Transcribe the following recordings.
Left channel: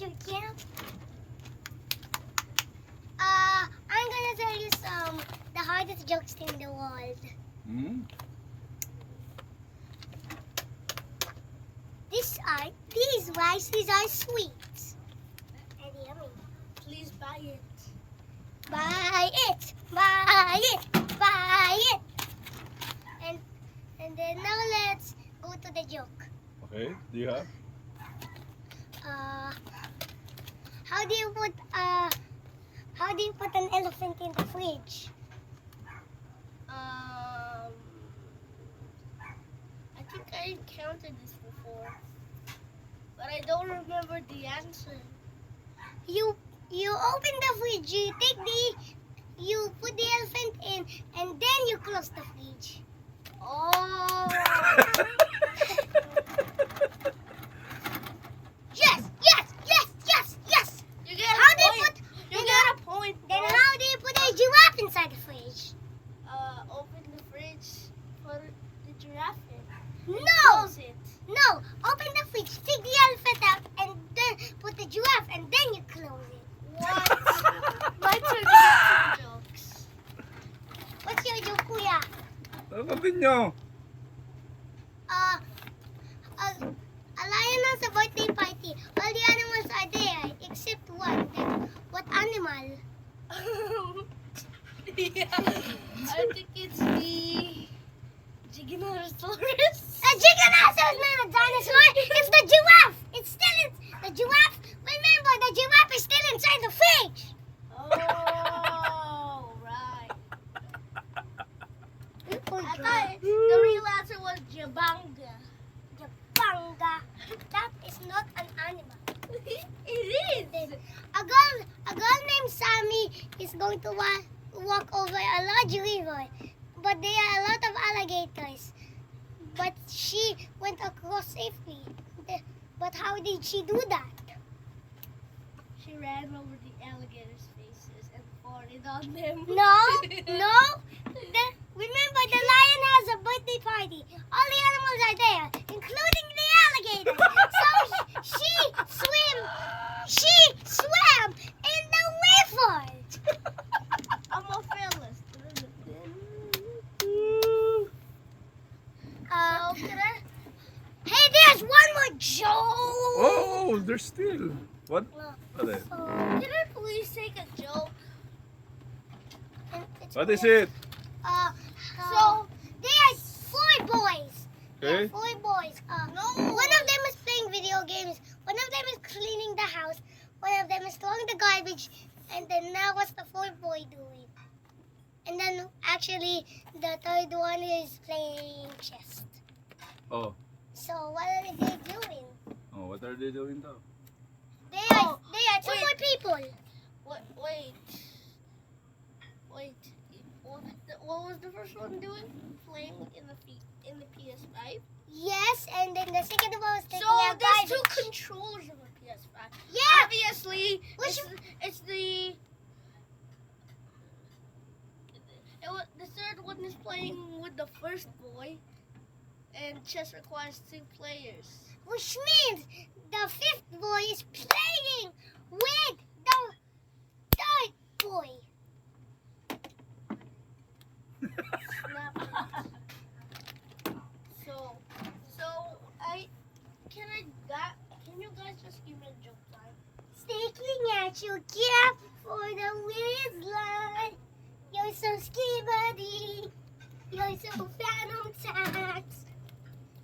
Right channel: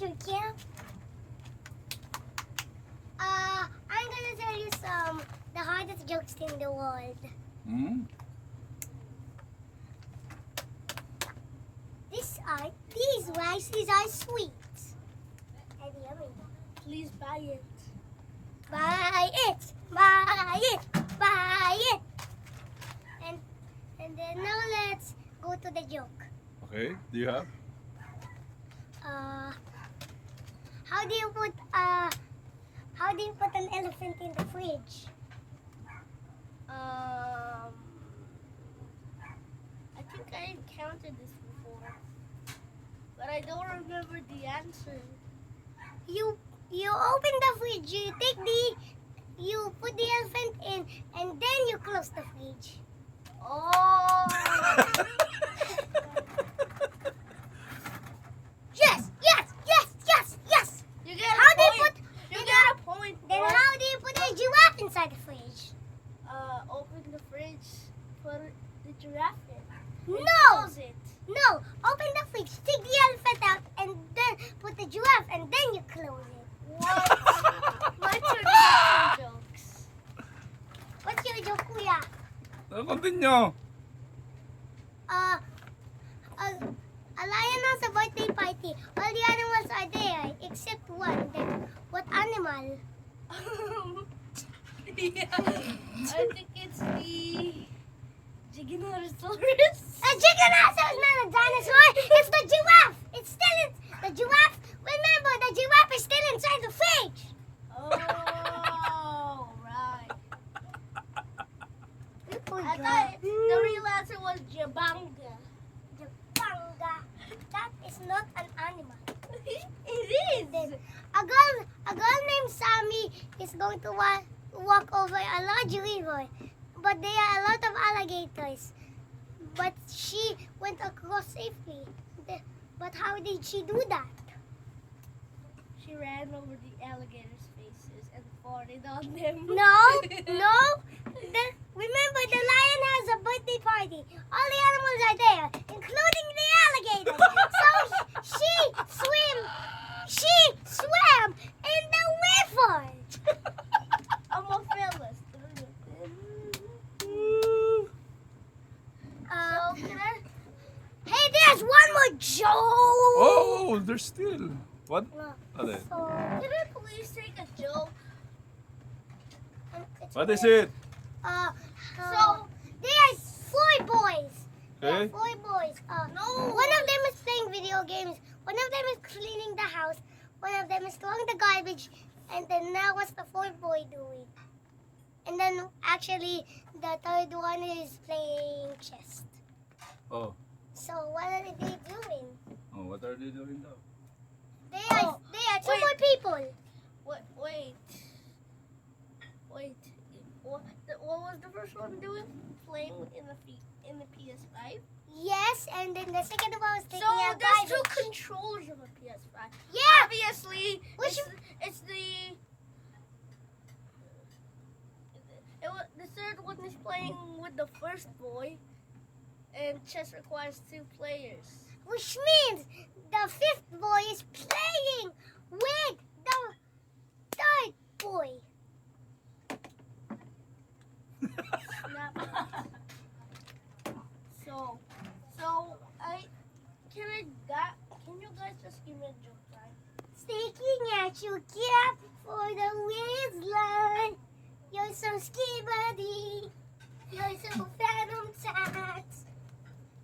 you can. I'm gonna tell you the hardest jokes in the world. These rices are sweet and yummy. Please buy it. Buy it, buy it, buy it. And then now let's go to the joke. Okay, do you have? How do you put an elephant in the fridge? I think I encountered this before, but I don't remember the answer. You open the fridge, you put the elephant in, and then you close the fridge. Oh! Yes. You get How a do you point. put? You get a point. Then bro. how do you put a giraffe inside the fridge? Open the fridge, put the giraffe in. No, Close it. no. Open the fridge, take the elephant out, and then put the giraffe, and then you close it. What? Let's read jokes. What's your joke, Kuya? Continue. A lion has a birthday party. All the animals are there except one. Then what animal? Yeah, I think it's the Giraffes. A giganosaurus is not a dinosaur. It's the giraffe. It's still the giraffe. Remember, the giraffe is still inside the fridge. Oh, right. You I forgot. thought the real answer was Jabanga. Jabanga. That is not an animal. It Then is. a girl named Sammy is going to walk over a large river, but there are a lot of alligators. But she went across safely. But how did she do that? She ran over the alligators' faces and farted on them. No. Remember, the lion has a birthday party. All the animals are there, including the alligator. So she swam in the river. I'm a fearless. Hey, there's one more joke. Oh, there's still. What? Look, What is it? so, Can I please take a joke? What is it? So there are 4 boys. There are Okay. 4 boys. No. One of them is playing video games. One of them is cleaning the house. One of them is throwing the garbage. And then now what's the 4th boy doing? And then actually the 3rd one is playing chess. Oh. So what are they doing? Oh, what are they doing now? There are 2 wait. more people. Wait. What was the first one doing? Playing in the PS5? Yes, and then the second one was taking So out there's 2 garbage. controllers of a PS5. Yeah. Obviously, Which- the third one is playing with the first boy, and chess requires 2 players. Which means the 5th boy is playing with the 3rd boy. Snap it. Can you guys just give me a joke time? Sticking at your cap for the waistline. You're so ski buddy. You're so phantom tax.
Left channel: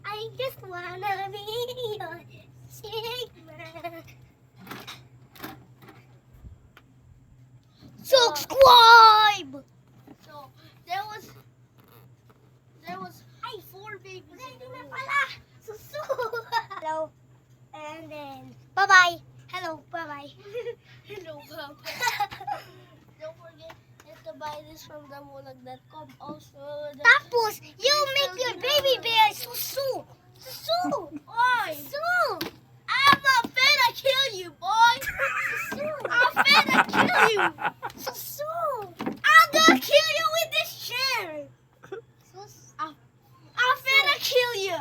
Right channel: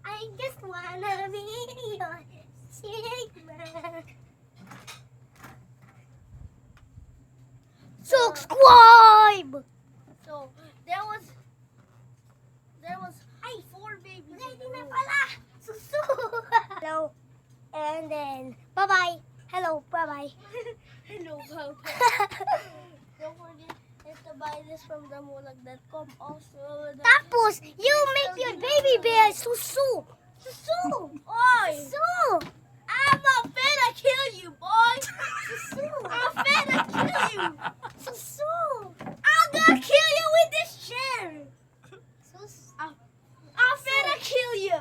I just wanna be your Sigma. Subscribe. So there was 4 babies in the room. Hello. And then, bye-bye. Hello, bye-bye. Hello, Papa. Don't forget to buy this from themulag.com. Also, Tapos, you make your baby bear susu. Susu. Oi! Susu. I'm finna kill you, boy! Susu. I'm finna kill you! Susu. I'm gonna kill you with this chair! Sus. I'm finna kill you!